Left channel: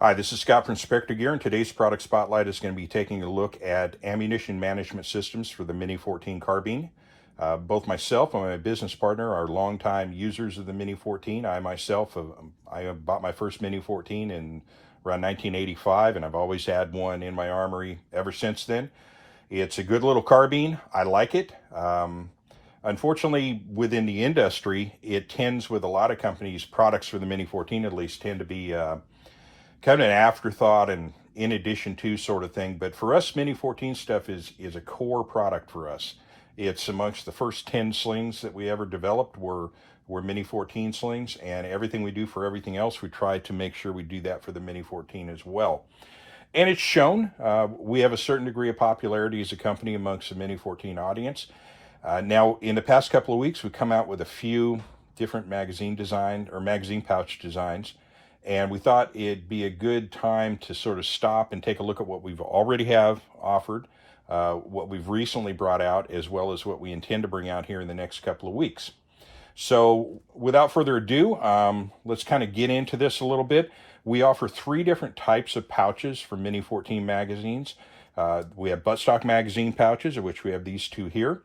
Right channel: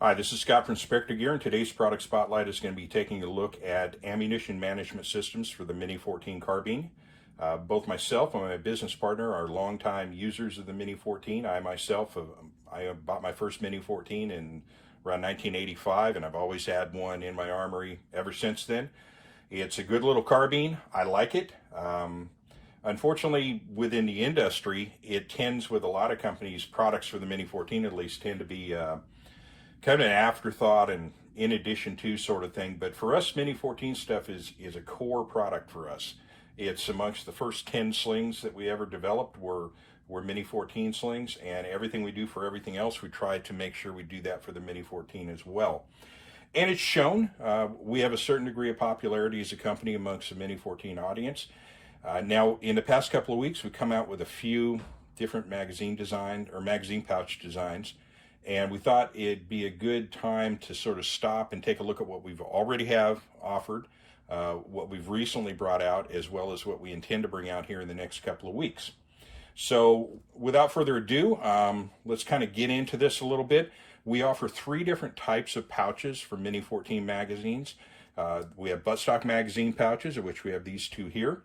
Hi, this is Scott from Specter Gear, and today's product spotlight is going to be taking a look at ammunition management systems for the Mini-14 carbine. Both myself and my business partner are longtime users of the Mini-14. I myself, I bought my first Mini-14 in around 1985, and I've always had one in my armory ever since then. It's a good little carbine. I like it. Unfortunately, within the industry, it tends, with a lot of companies, products for the Mini-14 at least tend to be kind of an afterthought and in addition to sort of thing. But for us, Mini-14 stuff is a core product for us. It's amongst the first 10 slings that we ever developed were Mini-14 slings, and everything we do for everything else, we try to make sure we do that for the Mini-14 as well. And it's shown. We have a certain degree of popularity as a company amongst the Mini-14 audience. Now, in the past couple of weeks, we've come out with a few different magazine design or magazine pouch designs, and we thought it'd be a good time to sort of stop and take a look at what we've already have offered, what we've recently brought out, as well as what we intend to bring out here in the next couple of weeks. So without further ado, let's kind of get into this a little bit. We offer 3 different types of pouches for Mini-14 magazines. We have buttstock magazine pouches, of which we have these 2 here.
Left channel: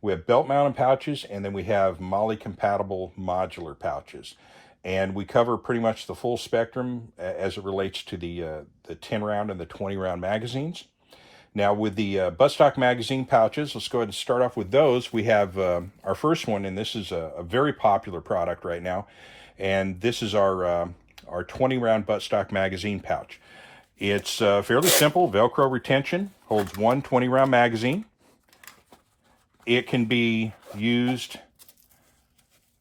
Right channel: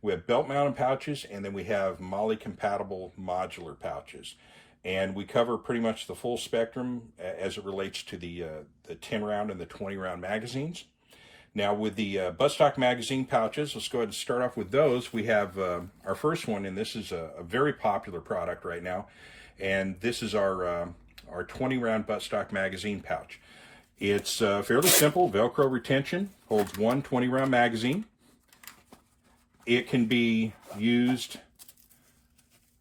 We have belt mounted pouches, and then we have MOLLE compatible modular pouches. And we cover pretty much the full spectrum as it relates to the 10 round and the 20 round magazines. Now with the buttstock magazine pouches, let's go ahead and start off with those. We have our first one, and this is a very popular product right now. And this is our 20 round buttstock magazine pouch. It's fairly simple, Velcro retention, holds one 20 round magazine. It can be used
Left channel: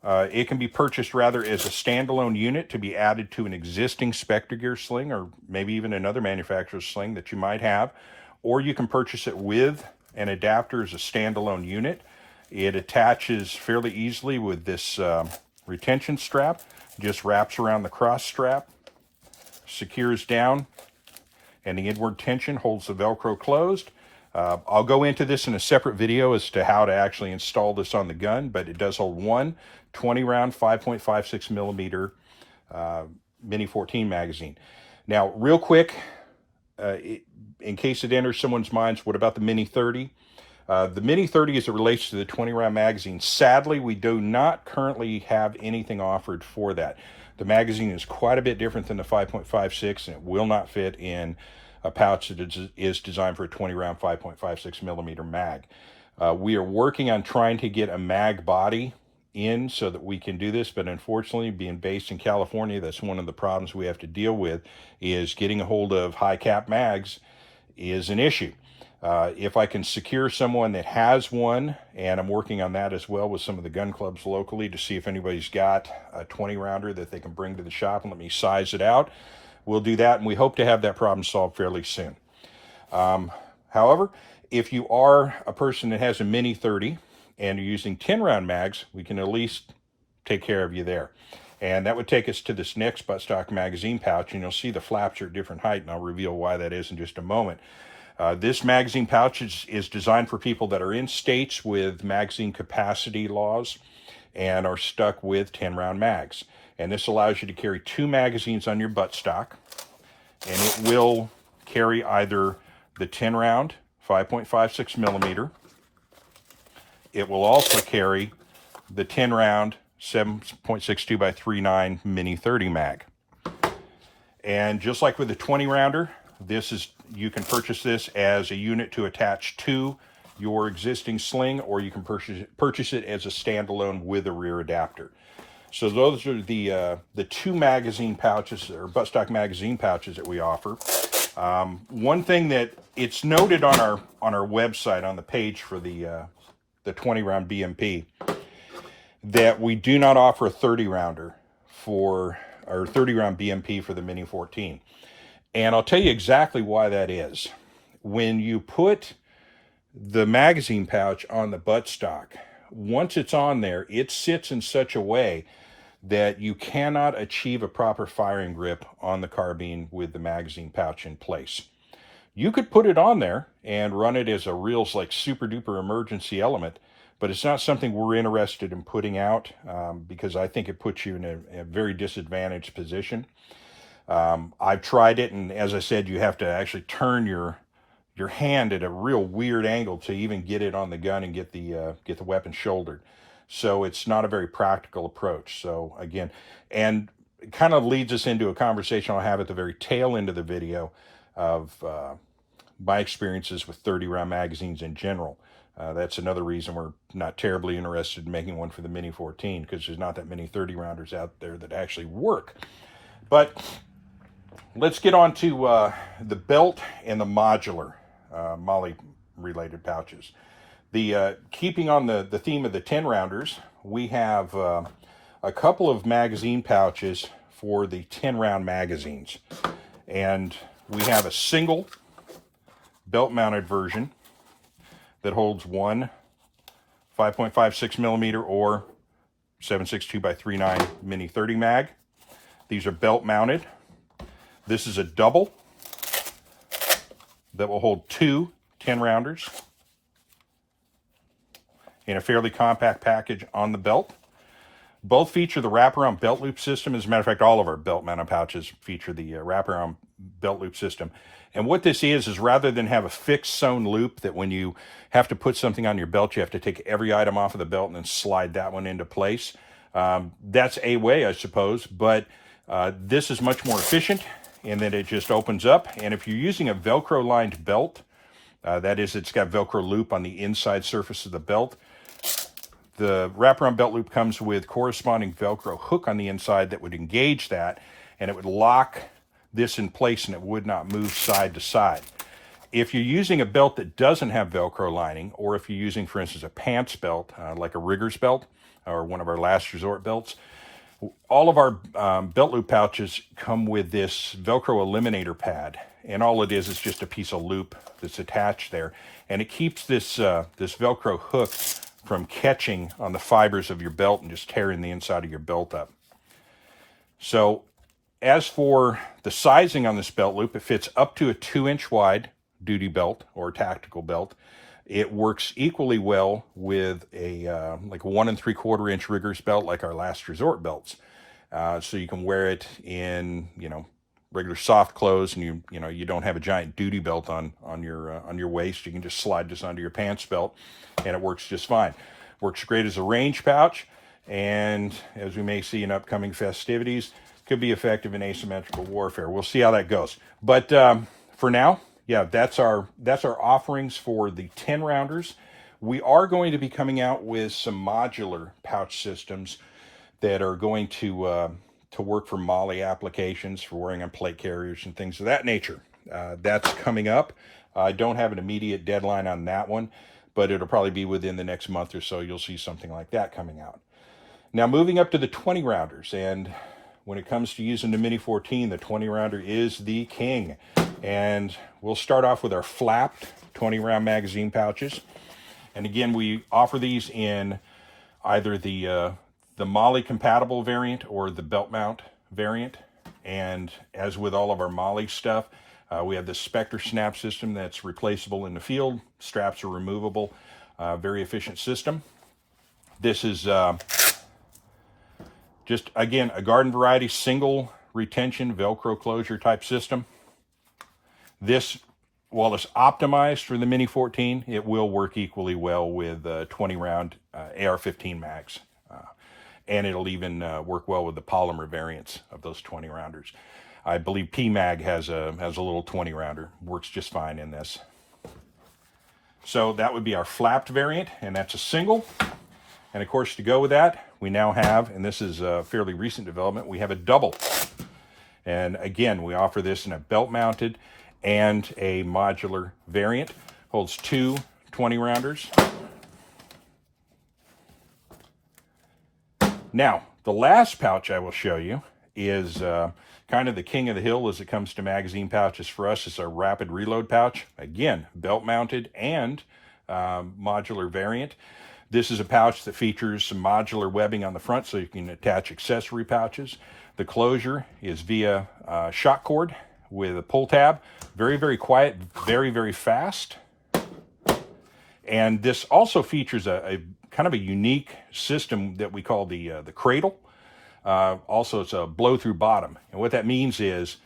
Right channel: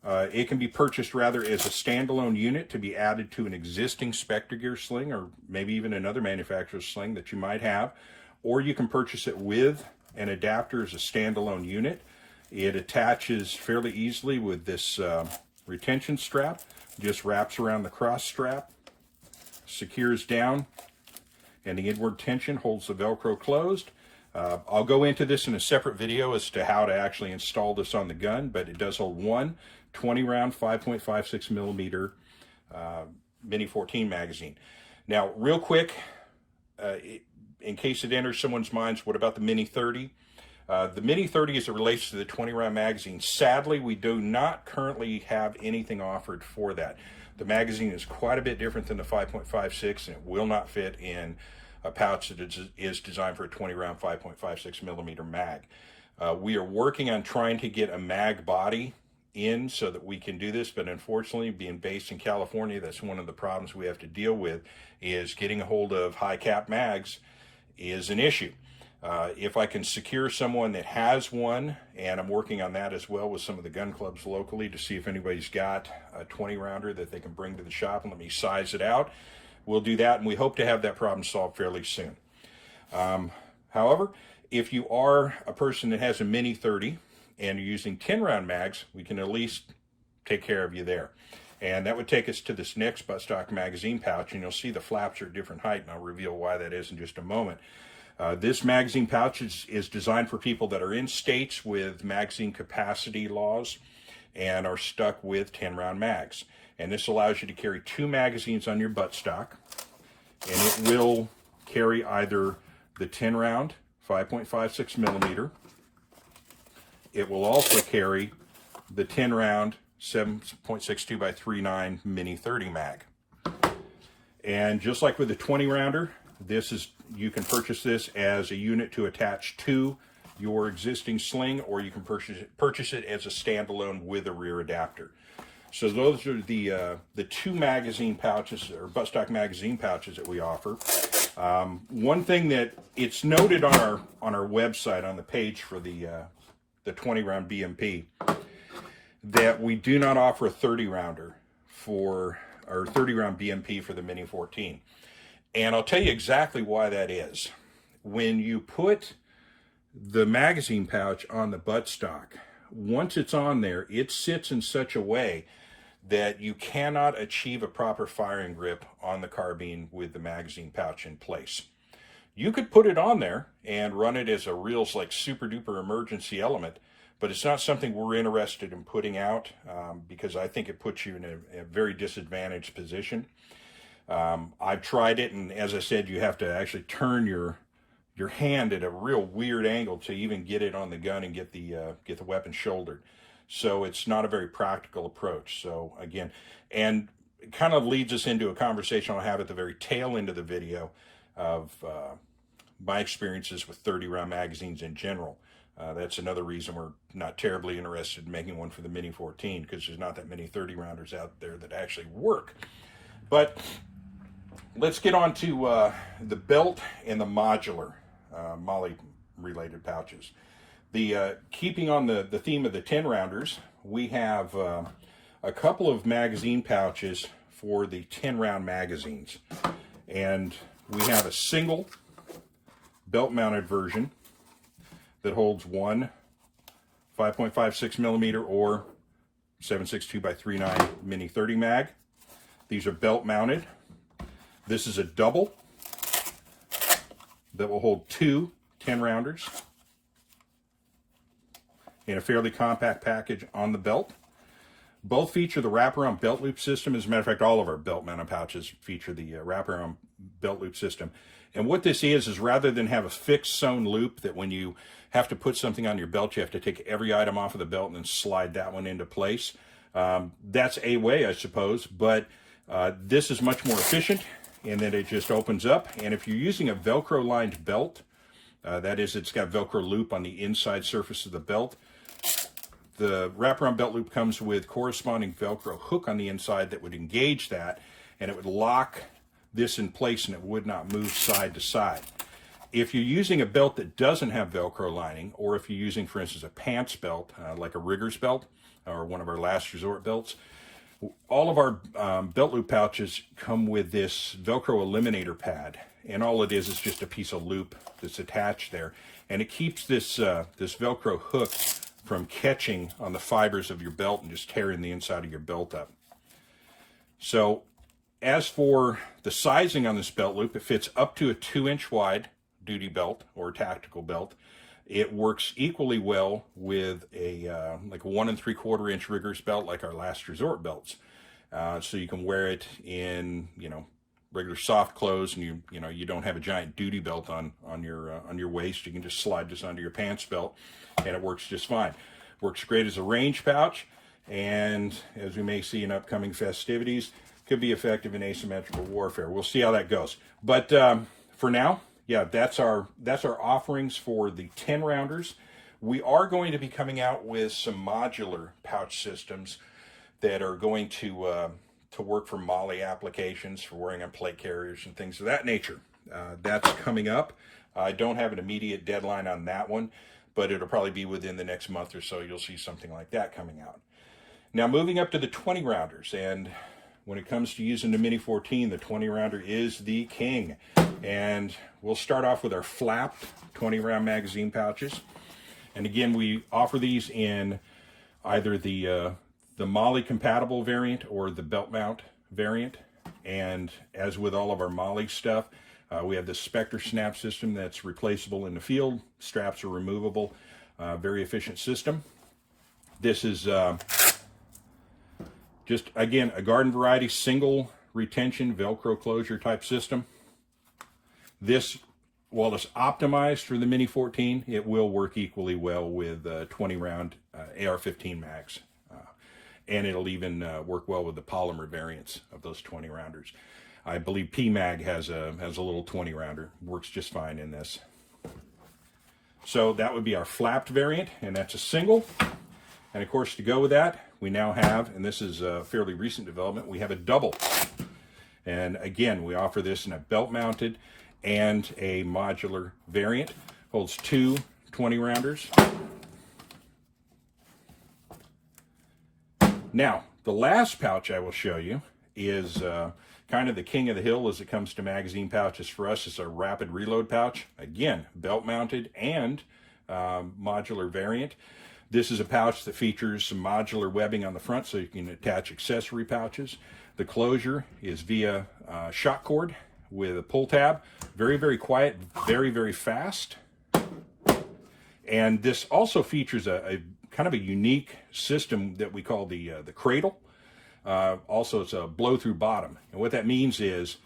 it can be purchased rather as a standalone unit to be added to an existing Specter Gear sling, or maybe even another manufacturer's sling that you might have, or you can purchase it with an adapter as a standalone unit. It attaches fairly easily with this retention strap, just wraps around the cross strap, secures down, and the inward tension holds the Velcro closed. I'll go into this in a separate video as to how to actually install this on the gun, but it does hold one 20 round 5.56 millimeter Mini-14 magazine. Now, real quick, in case it enters someone's minds, what about the Mini-30? The Mini-30 as it relates to the 20 round magazine, sadly, we do not currently have anything offered for that. The magazine is quite a bit different than the 5.56, and it will not fit in a pouch that is designed for a 20 round 5.56 millimeter mag. We are working on trying to get a mag body in so that we can do this, but unfortunately, being based in California, that's one of the problems we have to deal with, is getting a hold of high cap mags is an issue. If I can secure someone that has one, and I'm working on that as well with some of the gun clubs locally to see if anybody's got a 20 rounder that they can bring to the shop and let me size it out, we'll do that, and we hope to have that problem solved fairly soon. However, if you are a person that has a Mini-30 and you're using 10 round mags, we can at least take care of you there. And that would take us to this next buttstock magazine pouch, and you'll see the flaps are at different height, and I'll reveal why that is in just a moment. This magazine pouch is designed for people that are in states with magazine capacity laws and are stuck with 10 round mags. And this allows you to carry 2 magazines on your buttstock, and it will carry either the 10 round 5.56 millimeter. It will also carry the 10 round 7.62 by 39 Mini-30 mag. And just like with the 20 rounder, you can purchase this as a unit to attach to your existing sling, or you can purchase it as a standalone with a rear adapter. So those are the 2 magazine pouches, or buttstock magazine pouches, that we offer. One thing that it's noted on our website, on the page for the 20 round BMP, that we do not offer a 30 rounder or 30 round BMP for the Mini-14. And I'll tell you exactly why that is. When you put the magazine pouch on the buttstock, once it's on there, it sits in such a way that you cannot achieve a proper firing grip on the carbine with the magazine pouch in place. You could put it on there and run it as a real, like, super duper emergency element, but it's not something we're interested in putting out because I think it puts you in a very disadvantaged position. I've tried it, and as I said, you have to actually turn your hand at a real weird angle to even get it on the gun and get the weapon shouldered. So it's not a very practical approach. So again, and it kind of leads us into a conversation I'll have at the very tail end of the video of my experiences with 30-round magazines in general. That's another reason we're not terribly interested in making one for the Mini-14, because there's not that many 30-rounders out there that actually work. But let's get on to the belt and the modular MOLLE related pouches. Keeping on the theme of the 10-rounders, we have a couple of magazine pouches for the 10-round magazines. And we have a single belt-mounted version that holds one 5.56 millimeter or 7.62 by 3.9 Mini 30 mag. These are belt-mounted. This is a double that will hold two 10-rounders in a fairly compact package on the belt. Both feature the wraparound belt loop system. As a matter of fact, all of our belt-mounted pouches feature the wraparound belt loop system. And what this is rather than have a fixed sewn loop that when you have to put something on your belt, you have to take every item off of the belt and then slide that one into place. That's a way, I suppose, but this is much more efficient in that it just opens up. And if you're using a Velcro-lined belt, that is, it's got Velcro loop on the inside surface of the belt, the wraparound belt loop comes with corresponding Velcro hook on the inside that would engage that, and it would lock this in place and it would not move side to side. If you're using a belt that doesn't have Velcro lining, or if you're using, for instance, a pants belt, like a rigger's belt or one of our last resort belts, all of our belt loop pouches come with this Velcro eliminator pad. And all it is just a piece of loop that's attached there. And it keeps this Velcro hook from catching on the fibers of your belt and just tearing the inside of your belt up. So as for the sizing on this belt loop, it fits up to a 2-inch wide duty belt or tactical belt. It works equally well with a like a 1 3/4 inch rigger's belt, like our last resort belts. So you can wear it in, regular soft clothes, and you don't have a giant duty belt on your waist. You can just slide this onto your pants belt, and it works just fine. Works great as a range pouch, and as we may see in upcoming festivities, could be effective in asymmetrical warfare. We'll see how that goes. But for now, yeah, that's our offerings for the 10-rounders. We are going to be coming out with some modular pouch systems that are going to work for MOLLE applications, for wearing on plate carriers and things of that nature. That's coming up. I don't have an immediate deadline on that one, but it'll probably be within the next month or so. You'll see something like that coming out. Now, moving up to the 20-rounders, and when it comes to using the Mini-14, the 20-rounder is the king. And we'll start off with our flapped 20-round magazine pouches. And again, we offer these in either the MOLLE compatible variant or the belt mount variant. And as with all of our MOLLE stuff, we have the Specter snap system that's replaceable in the field. Straps are removable. Very efficient system. This is just, again, a garden variety single retention Velcro closure type system. This, while it's optimized for the Mini-14, it will work equally well with 20-round AR-15 mags. And it'll even work well with the polymer variants of those 20-rounders. I believe PMag has a little 20-rounder. Works just fine in this. So that would be our flapped variant, and that's a single. And of course, to go with that, we now have, and this is a fairly recent development, we have a double. And again, we offer this in a belt-mounted and a modular variant. Holds two 20-rounders. Now, the last pouch I will show you is kind of the king of the hill as it comes to magazine pouches for us. It's our rapid reload pouch. Again, belt-mounted and modular variant. This is a pouch that features some modular webbing on the front so you can attach accessory pouches. The closure is via shock cord with a pull tab. Very, very quiet, very, very fast. And this also features a kind of a unique system that we call the cradle. Also, it's a blow-through bottom. And what that means is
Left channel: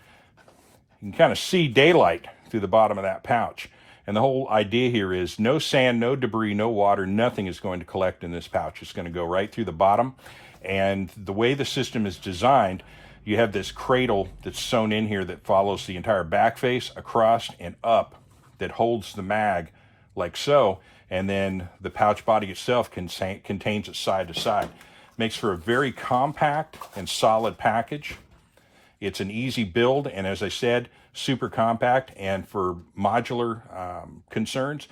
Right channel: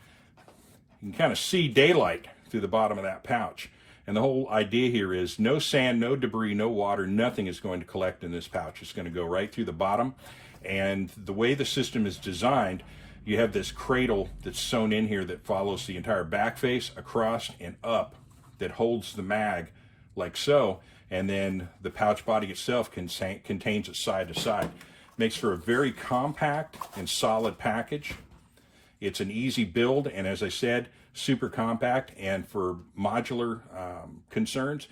you can kind of see daylight through the bottom of that pouch. And the whole idea here is no sand, no debris, no water, nothing is going to collect in this pouch. It's going to go right through the bottom. And the way the system is designed, you have this cradle that's sewn in here that follows the entire back face across and up that holds the mag like so. And then the pouch body itself contains it side to side. Makes for a very compact and solid package. It's an easy build, and as I said, super compact. And for modular concerns,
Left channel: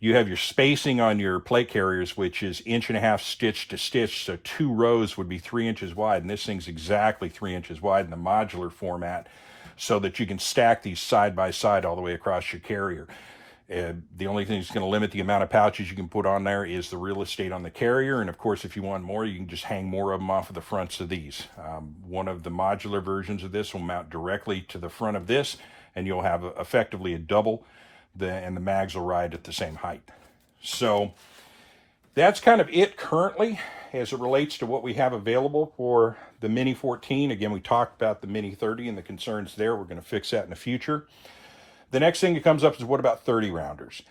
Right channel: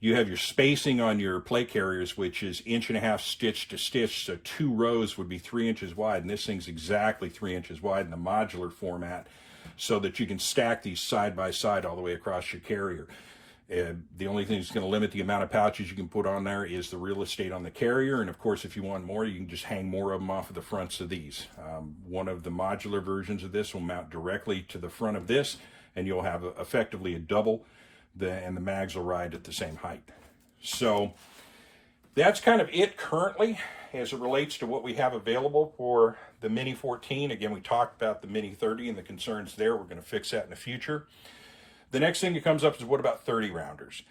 you have your spacing on your plate carriers, which is 1.5 inches stitch to stitch, so 2 rows would be 3 inches wide, and this thing's exactly 3 inches wide in the modular format, so that you can stack these side by side all the way across your carrier. The only thing that's going to limit the amount of pouches you can put on there is the real estate on the carrier. And of course, if you want more, you can just hang more of them off of the fronts of these. One of the modular versions of this will mount directly to the front of this, and you'll have effectively a double, and the mags will ride at the same height. So that's kind of it currently as it relates to what we have available for the Mini-14. Again, we talked about the Mini-30 and the concerns there. We're going to fix that in the future. The next thing that comes up is, what about 30 rounders?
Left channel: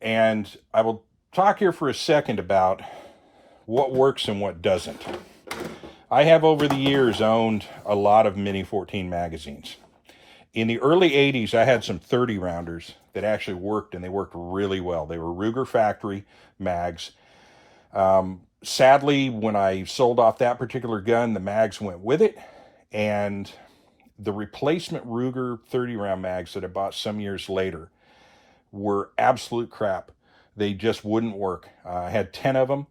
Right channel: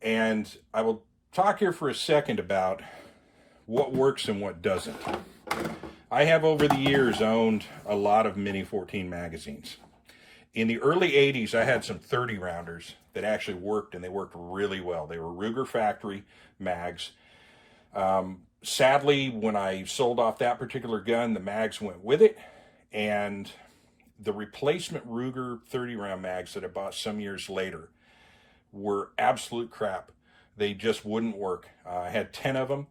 And I will talk here for a second about what works and what doesn't. I have over the years owned a lot of Mini-14 magazines. In the early 80s, I had some 30 rounders that actually worked, and they worked really well. They were Ruger factory mags. Sadly, when I sold off that particular gun, the mags went with it, and the replacement Ruger 30 round mags that I bought some years later were absolute crap. They just wouldn't work. I had 10 of them,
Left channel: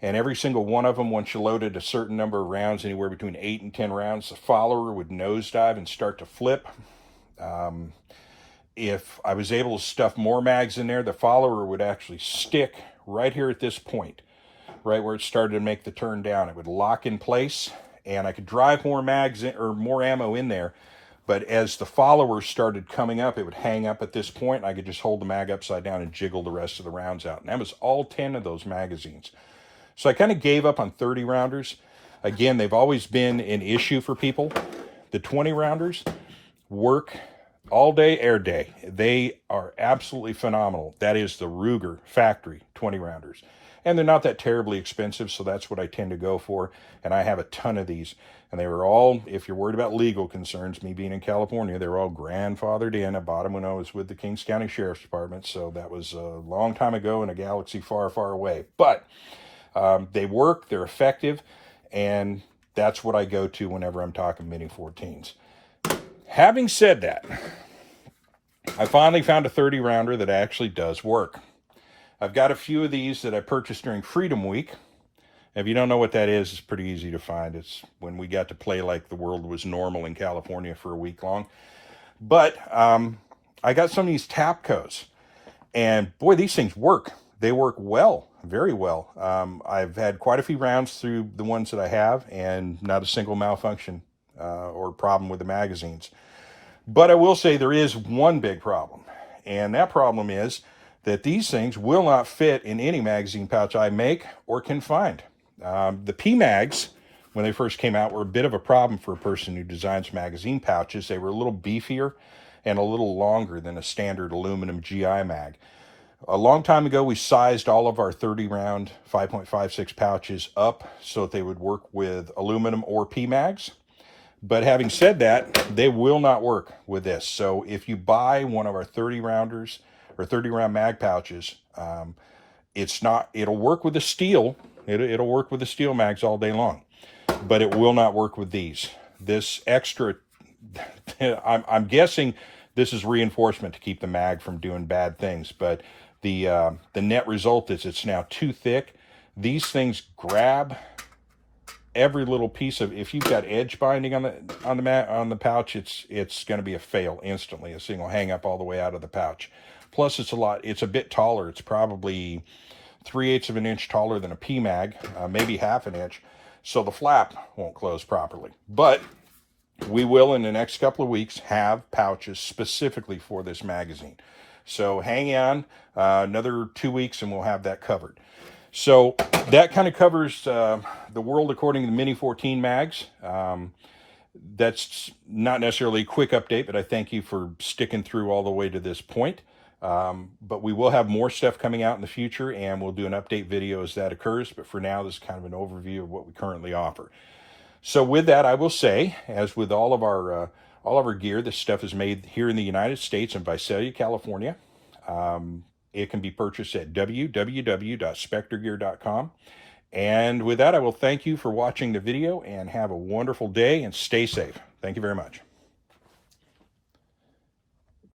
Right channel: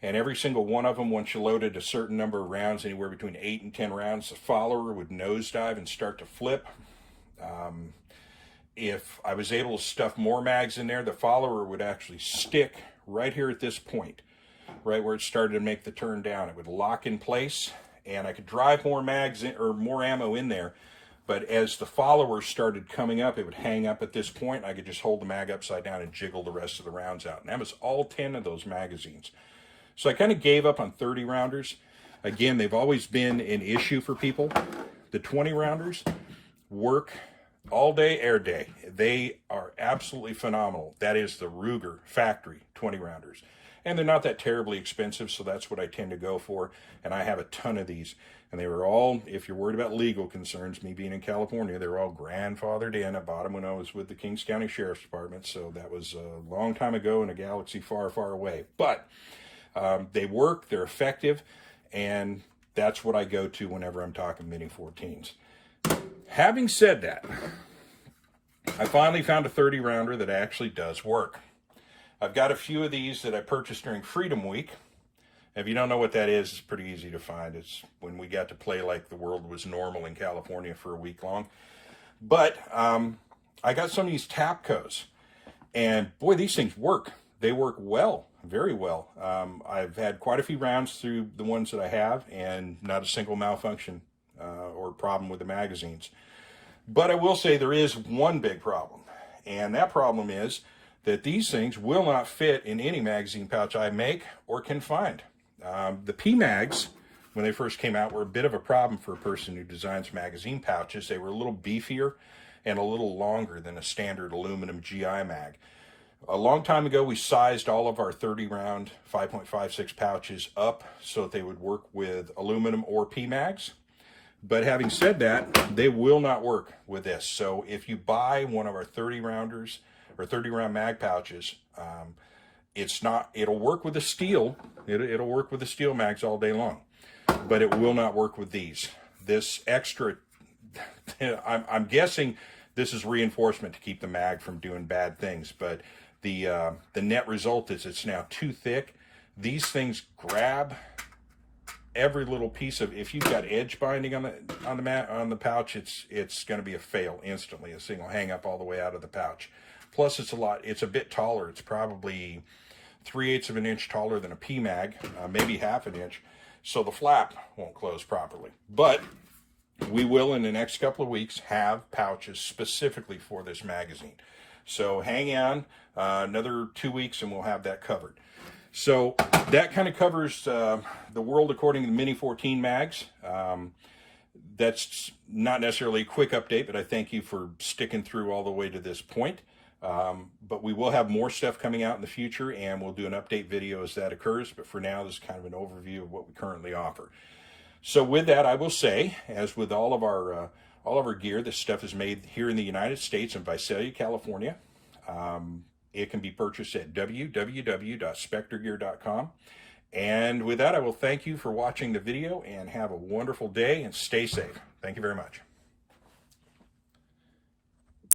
and every single one of them, once you loaded a certain number of rounds, anywhere between 8 and 10 rounds, the follower would nosedive and start to flip. If I was able to stuff more mags in there, the follower would actually stick right here at this point, right where it started to make the turn down. It would lock in place, and I could drive more mags in, or more ammo in there, but as the follower started coming up, it would hang up at this point, and I could just hold the mag upside down and jiggle the rest of the rounds out. And that was all 10 of those magazines. So I kind of gave up on 30 rounders. Again, they've always been an issue for people. The 20 rounders work all day, air day. They are absolutely phenomenal. That is the Ruger factory 20 rounders. And they're not that terribly expensive, so that's what I tend to go for. And I have a ton of these. And they were all, if you're worried about legal concerns, me being in California, they were all grandfathered in. I bought them when I was with the Kings County Sheriff's Department, so that was a long time ago in a galaxy far, far away. But they work, they're effective, and that's what I go to whenever I'm talking Mini-14s. Having said that, I finally found a 30 rounder that actually does work. I've got a few of these that I purchased during Freedom Week. If you don't know what that is, it's pretty easy to find. It's when we got to play like the world was normal in California for a week long. But I got some of these Tapcos, and boy, these things work. They work well, very well. I've had quite a few rounds through the ones that I have, and not a single malfunction or problem with the magazines. But I will say there is one big problem, and that problem is that these things will not fit in any magazine pouch I make or can find. The P-Mags, when they first came out, were a bit of a problem for a person who designs magazine pouches. They were a little beefier and a little longer than a standard aluminum GI mag. A long time ago, we sized all of our 30-round 5.56 pouches up so that they would work with aluminum or P-Mags. But having said that, they will not work with this. So if you buy one of our 30 rounders or 30-round mag pouches, it'll work with the steel. It'll work with the steel mags all day long, but it will not work with these. This extra, I'm guessing this is reinforcement to keep the mag from doing bad things, but the net result is it's now too thick. These things grab every little piece of, if you've got edge binding on the pouch, it's going to be a fail instantly. This thing will hang up all the way out of the pouch. Plus, it's a bit taller. It's probably 3/8 of an inch taller than a P-Mag, maybe half an inch. So the flap won't close properly. But we will, in the next couple of weeks, have pouches specifically for this magazine. So hang on another 2 weeks and we'll have that covered. So that kind of covers the world according to the Mini-14 mags. That's not necessarily a quick update, but I thank you for sticking through all the way to this point. But we will have more stuff coming out in the future, and we'll do an update video as that occurs. But for now, this is kind of an overview of what we currently offer. So with that, I will say, as with all of our gear, this stuff is made here in the United States in Visalia, California. It can be purchased at www.spectergear.com. And with that, I will thank you for watching the video and have a wonderful day and stay safe. Thank you very much.